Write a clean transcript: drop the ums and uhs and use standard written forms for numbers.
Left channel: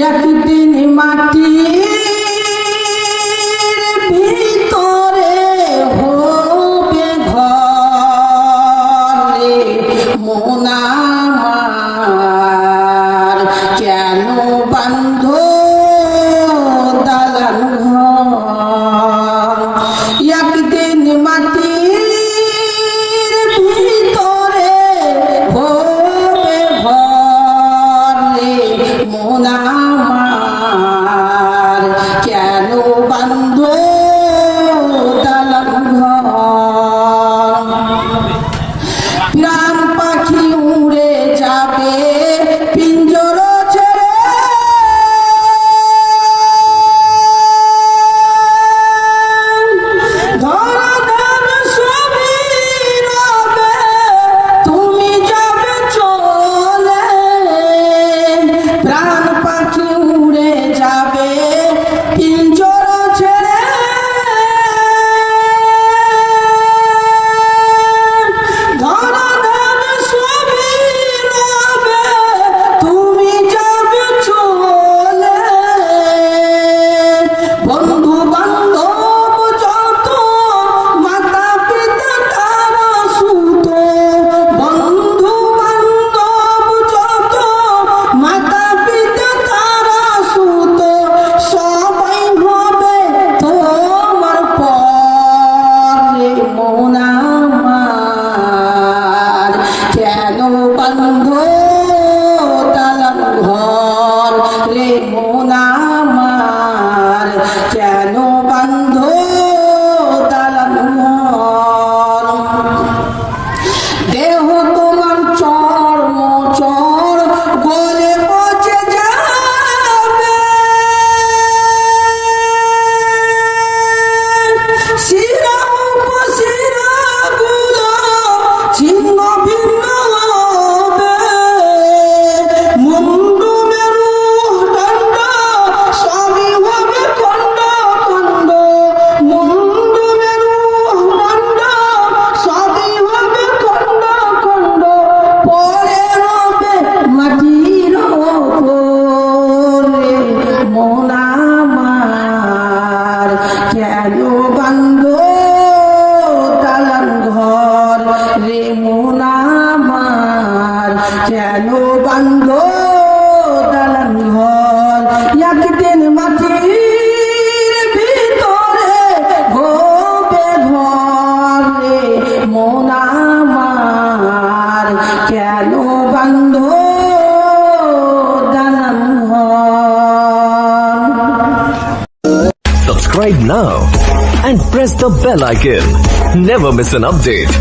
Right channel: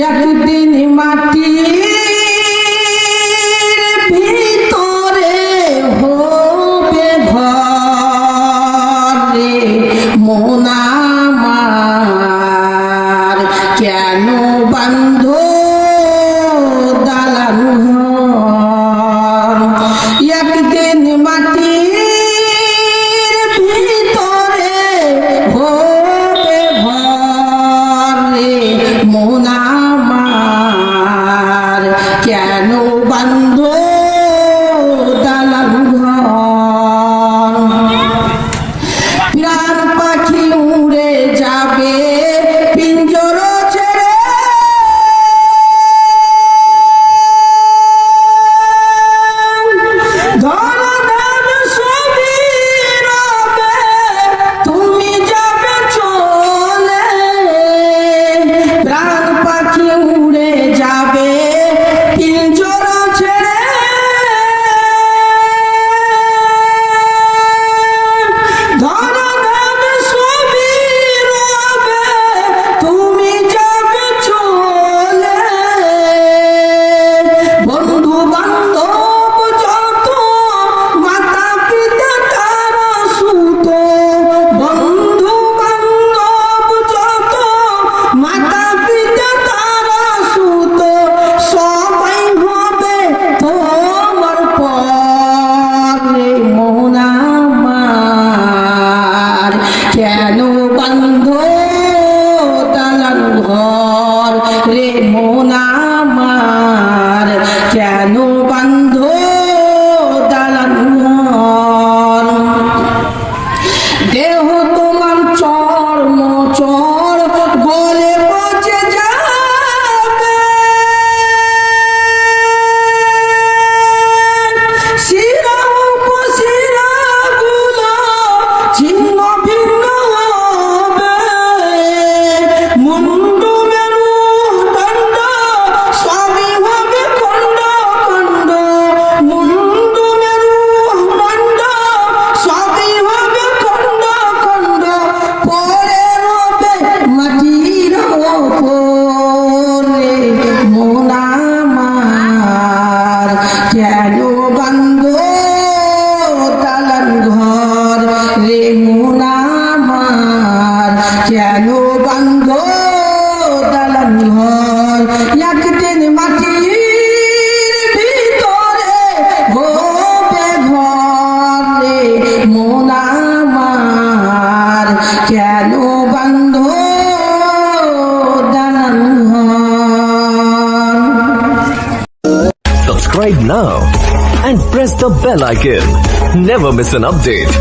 একদিন মাটির ভিতরে হবে ঘরে মন আমার কেন বান্ধ দালান ঘর। একদিন মাটির ভিতরে হবে ঘরে মন আমার কেন বান্ধ দালান ঘর। প্রাণ পাখি উড়ে যাবে পিঞ্জর ছেড়ে তুমি যাবে চলে। প্রাণ পাখি উড়ে যাবে পিঞ্জর ছেড়ে তুমি যাবে চলে। বন্ধু বান্ধব যত মাতা পিতা তারা সুত। বন্ধু বান্ধব যত মাতা পিতা তারা সুত সবাই হবে তোমার পরে মন আমার কেন বান্ধ দালান ঘর রে মন আমার কেন বান্ধ দালান ঘর। দেহ তোমার চর্ম চর গলে পচে যাবে। শিরা উপশিরা গুলো ছিন্ন ভিন্ন হবে। মুন্ডু মেরু দণ্ড সবই হবে খণ্ড খণ্ড। মুন্ডু মেরু দণ্ড সবই হবে খণ্ড খণ্ড। পরে হবে মাটির ওপরে মন আমার কেন বান্ধ দালান ঘর রে মন আমার কেন বান্ধ দালান ঘর। একদিন মাটির ভিতরে হবে ঘর রে মন আমার কেন বান্ধ দালান ঘর। Subscribe now and press the bell icon. Never miss an update.